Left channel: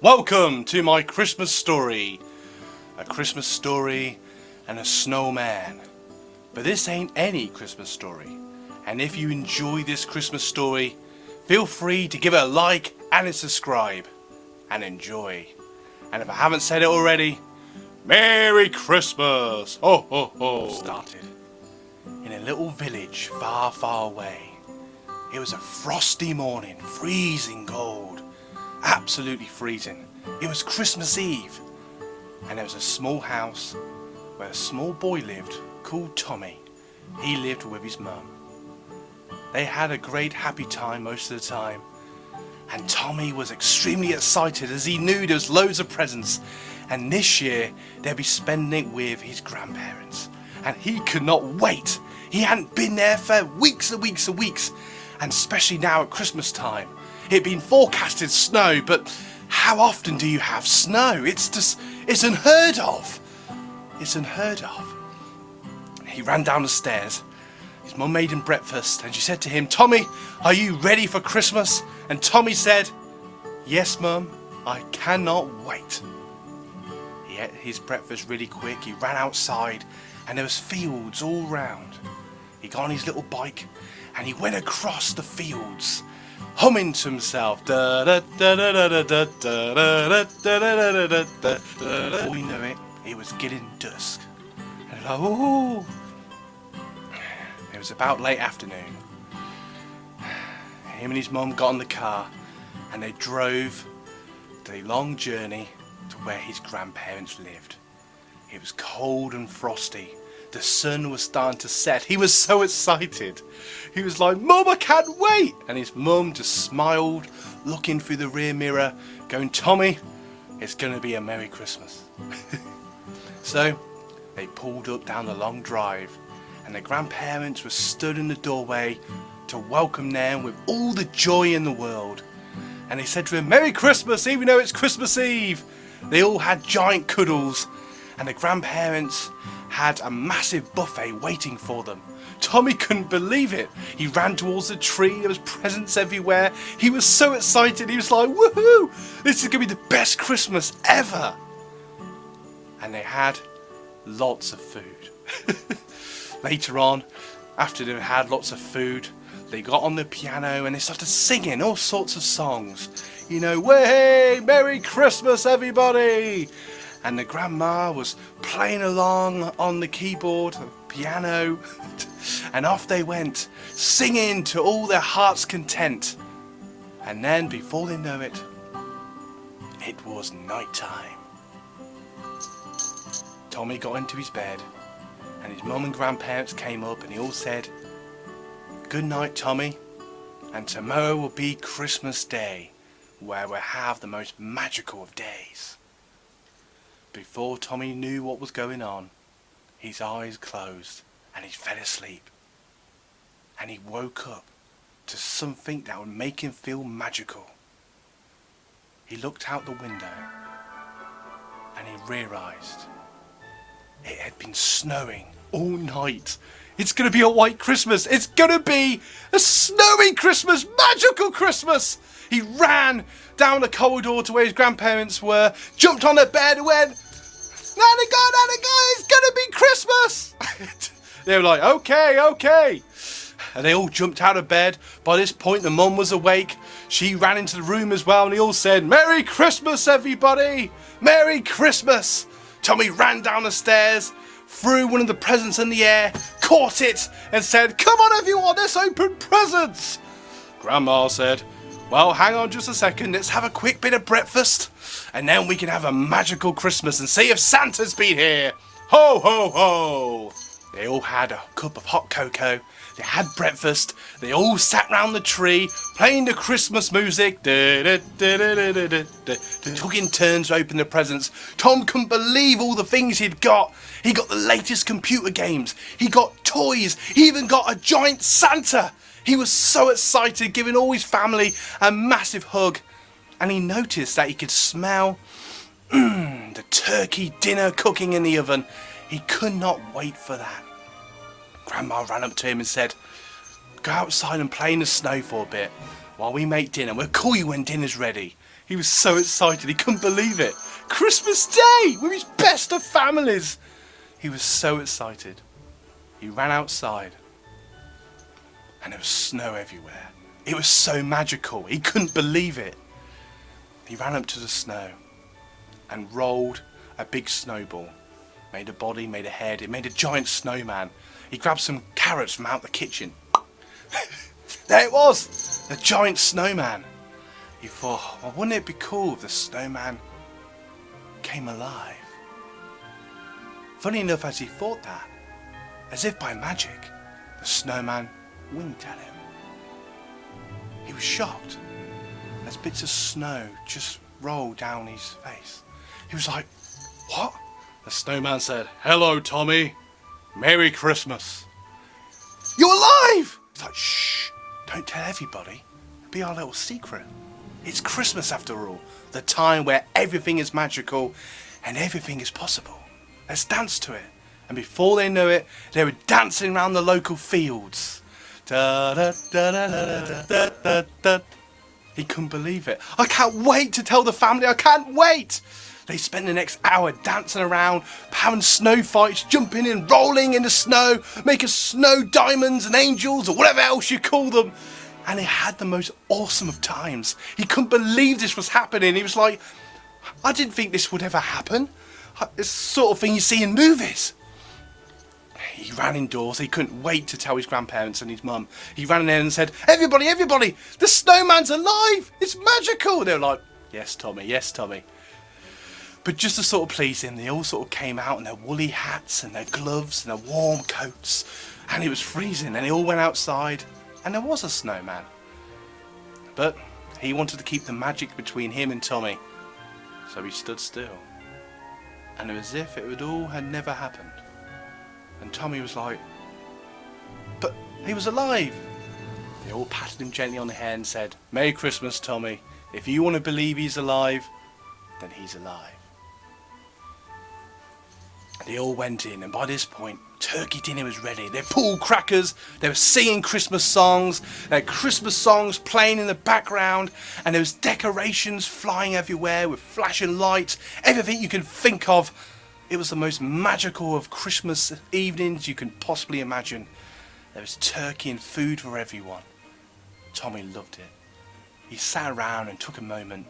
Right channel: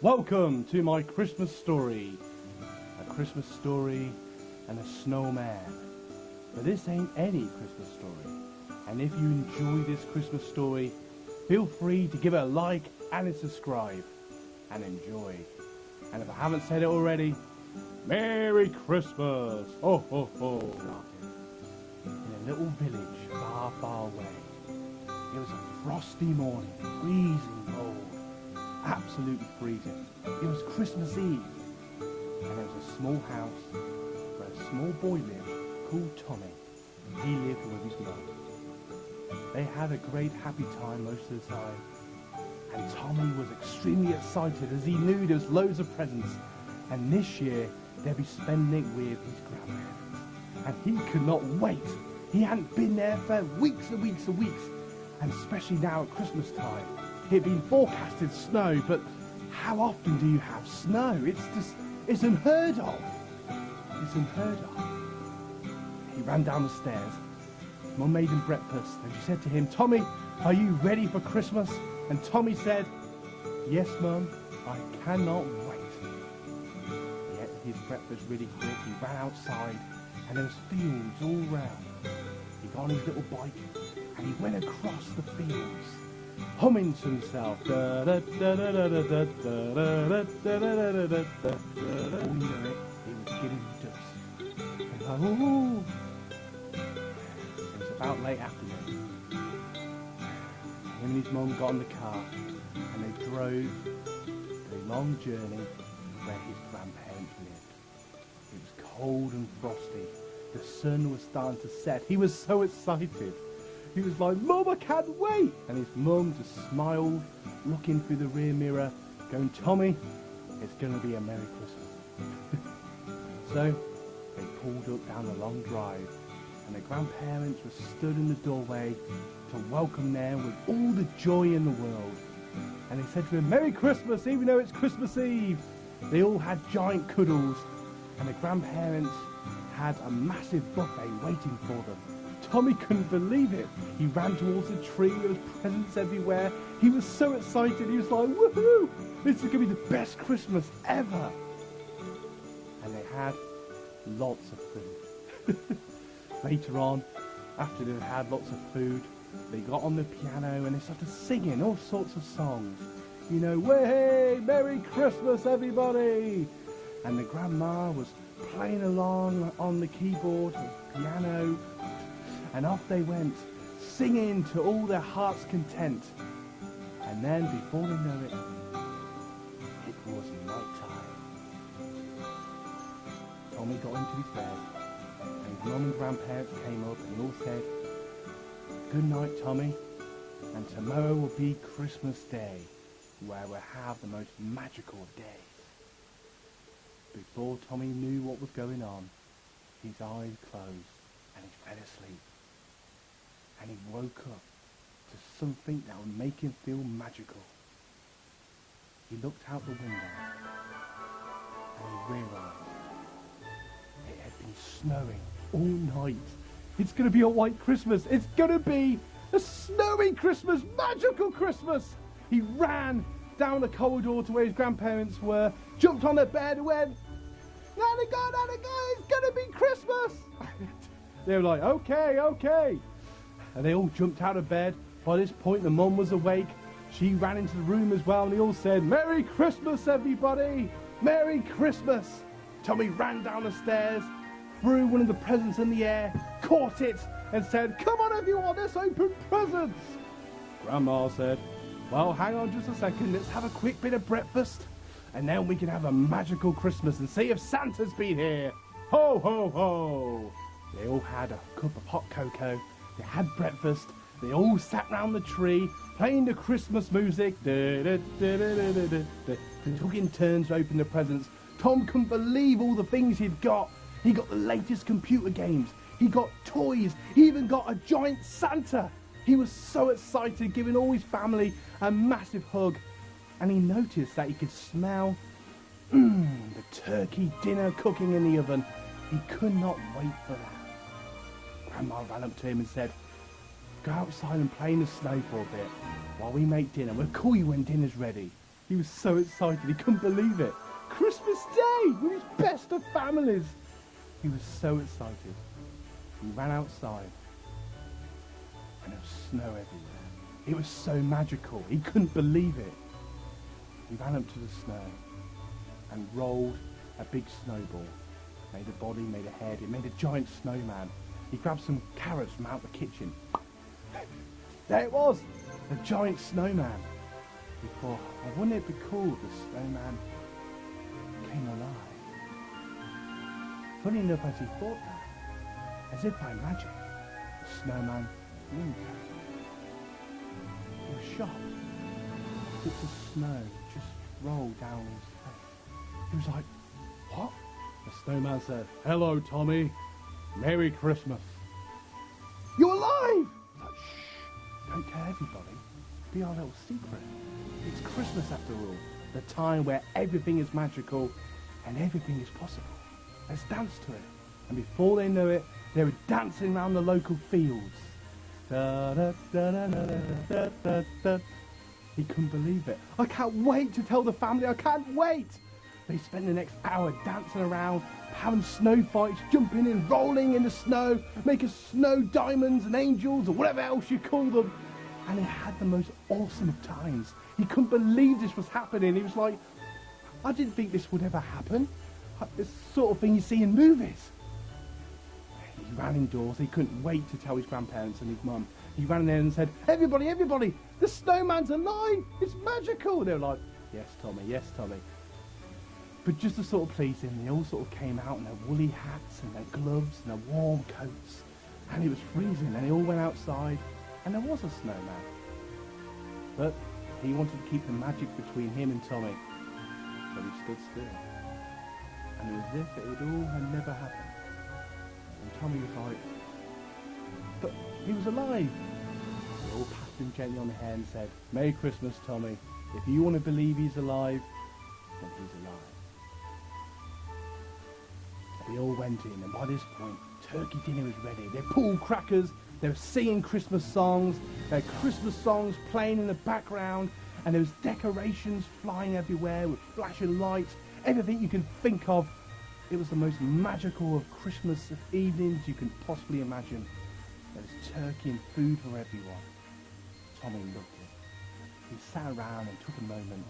Welcome to my Christmas story. A Christmas story and a snowman. But this ain't any Christmas story. And if you enjoy this Christmas story, feel free to give it a like and a subscribe. And enjoy. And if I haven't said it already, Merry Christmas! Ho ho ho! Started in a little village far, far away. It was a frosty morning, freezing cold, absolutely freezing. It was Christmas Eve, and there was a small house where a small boy lived called Tommy. He lived with his mum. They had a great happy time most of the time, and Tommy was extremely excited as he knew there was loads of presents, and this year they'd be spending it with his grandparents, and he could not wait. He hadn't been there for weeks and weeks and weeks, and especially now at Christmas time. It'd been forecasted snow, but how often do you have snow? It's unheard of. It's unheard of. He ran down the stairs. His mum made him breakfast, and she said to him, "Tommy, are you ready for Christmas?" And Tommy said, "Yes, Mum, I cannot wait." He ate his breakfast really quick. He ran outside, and there was fields all round. He got on his little bike, and he went across the fields, humming to himself. Before you knew it, it was getting dusk. And oh, it was about late afternoon. Him and his mum got in the car, and they drove the long journey to where his grandparents lived. It was cold and frosty. The sun was starting to set. He was so excited. He was like, "Mum, I can't wait!" And his mum just smiled, looking through the rear mirror, going, "Tommy, it's going to be a Merry Christmas." So they pulled up down the long drive, and the grandparents were stood in the doorway to welcome them with all the joy in the world. And they said to him, "Merry Christmas, even though it's Christmas Eve." They all had giant cuddles, and the grandparents had a massive buffet waiting for them. Tommy couldn't believe it. He ran towards the tree. There was presents everywhere. He was so excited. He was like, "Woohoo! This is going to be the best Christmas ever." And they had lots of food. Later on, after they had lots of food, they got on the piano and they started singing all sorts of songs. You know, "Way, Merry Christmas, everybody!" And the grandma was playing along on the keyboard, piano, and off they went, singing to all their heart's content. And then, before they know it, it was night time. Tommy got into his bed, and his mum and grandparents came up, and they all said, "Good night, Tommy, and tomorrow will be Christmas Day, where we'll have the most magical of days." Before Tommy knew what was going on, his eyes closed and he fell asleep. And he woke up to something that would make him feel magical. He looked out the window and he realised it had been snowing all night. It's going to be a white Christmas. It's going to be a snowy Christmas, magical Christmas. He ran down the corridor to where his grandparents were, jumped on their bed and went, Nana go, it's going to be Christmas." They were like, okay. And they all jumped out of bed. By this point, the mum was awake. She ran into the room as well, and they all said, "Merry Christmas, everybody! Merry Christmas!" Tommy ran down the stairs, threw one of the presents in the air, caught it, and said, "Come on, everyone, let's open presents." Grandma said, "Well, hang on just a second, let's have a quick bit of breakfast, and then we can have a magical Christmas and see if Santa's been here. Ho, ho, ho." They all had a cup of hot cocoa, they had breakfast, they all sat round the tree, playing the Christmas music. They took in turns to open the presents. Tom couldn't believe all the things he'd got. He got the latest computer games, he got toys, he even got a giant Santa. He was so excited, giving all his family a massive hug. And he noticed that he could smell the turkey dinner cooking in the oven. He could not wait for that. Grandma ran up to him and said, go outside and play in the snow for a bit while we make dinner. We'll call you when dinner's ready. He was so excited, he couldn't believe it. Christmas Day with his best of families. He was so excited. He ran outside and there was snow everywhere. It was so magical, he couldn't believe it. He ran up to the snow and rolled a big snowball. Made a body, made a head, it made a giant snowman. He grabbed some carrots from out the kitchen. There it was, the giant snowman. He thought, well, wouldn't it be cool if the snowman came alive? Funny enough, as he thought that, as if by magic, the snowman winked at him. He was shocked as bits of snow just rolled down his face. He was like, what? The snowman said, hello, Tommy. Merry Christmas. You're alive! It's like, shh, don't tell everybody. Be our little secret. It's Christmas after all, the time where everything is magical and everything is possible. Let's dance to it. And before they knew it, they were dancing around the local fields. Da, da, da, da, da, da, da, da. He couldn't believe it. I can't wait to tell the family, I can't wait. They spent the next hour dancing around, having snow fights, jumping and rolling in the snow, making snow diamonds and angels or whatever else you call them. And they had the most awesome of times. He couldn't believe this was happening. He was like, I didn't think this would ever happen. It's the sort of thing you see in movies. He ran indoors. He couldn't wait to tell his grandparents and his mum. He ran in there and said, everybody, everybody, the snowman's alive. It's magical. They were like, yes, Tommy, yes, Tommy. But just to sort of please him, they all sort of came out in their woolly hats and their gloves and their warm coats. And it was freezing and they all went outside and there was a snowman. But he wanted to keep the magic between him and Tommy. So he stood still. And it was as if it all had never happened. And Tommy was like, but he was alive. They all patted him gently on the head and said, Merry Christmas, Tommy. If you want to believe he's alive, then he's alive. They all went in, and by this point, turkey dinner was ready. They pulled crackers, they were singing Christmas songs, there were Christmas songs playing in the background, and there was decorations flying everywhere with flashing lights, everything you can think of. It was the most magical of Christmas evenings you can possibly imagine. There was turkey and food for everyone. Tommy loved it. He sat around and took a moment.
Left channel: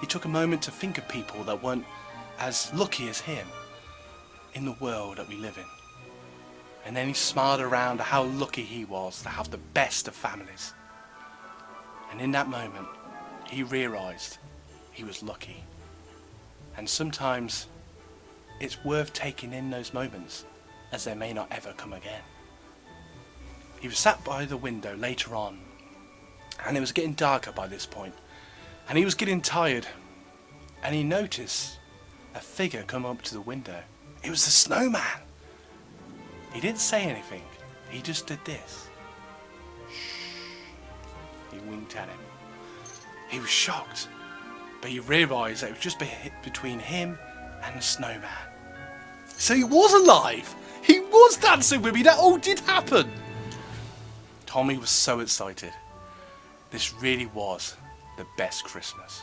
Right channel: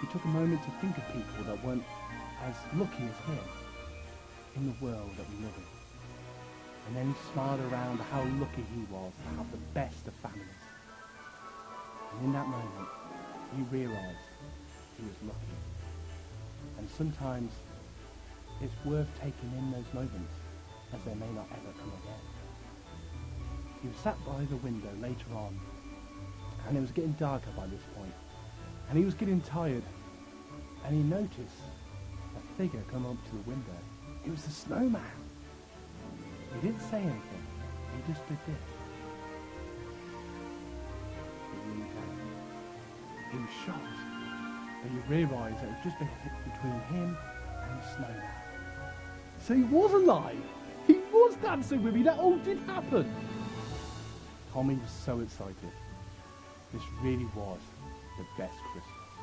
He took a moment to think of people that weren't as lucky as him in the world that we live in. And then he smiled around at how lucky he was to have the best of families. And in that moment, he realised he was lucky. And sometimes it's worth taking in those moments, as they may not ever come again. He was sat by the window later on, and it was getting darker by this point, and he was getting tired, and he noticed a figure come up to the window. It was the snowman. He didn't say anything, he just did this. Shh. He winked at him. He was shocked, but he realised that it was just between him and the snowman. So he was alive! He was dancing with me! That all did happen! Tommy was so excited. This really was the best Christmas.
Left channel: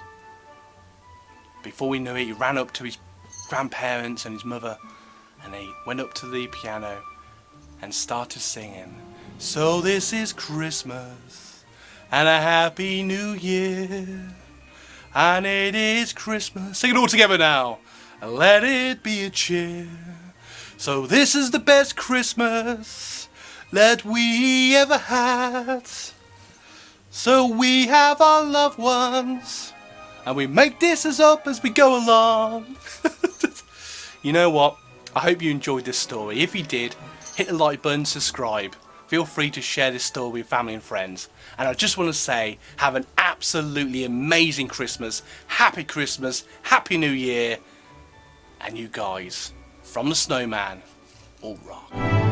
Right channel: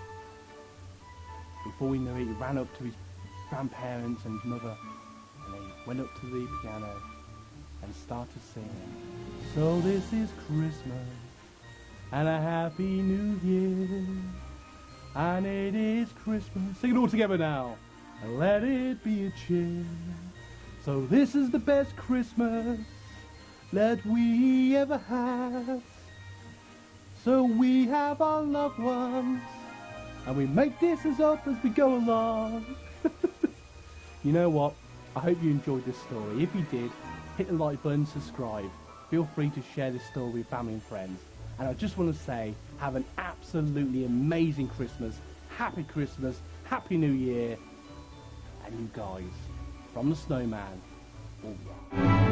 Before we knew it, he ran up to his grandparents and his mother, and they went up to the piano and started singing, so this is Christmas and a happy new year, and it is Christmas. Sing it all together now. And let it be a cheer. So this is the best Christmas that we ever had. So we have our loved ones, and we make this up as we go along. You know what? I hope you enjoyed this story. If you did, hit the like button, subscribe. Feel free to share this story with family and friends. And I just want to say, have an absolutely amazing Christmas. Happy Christmas. Happy New Year. And you guys, from the Snowman, all rock.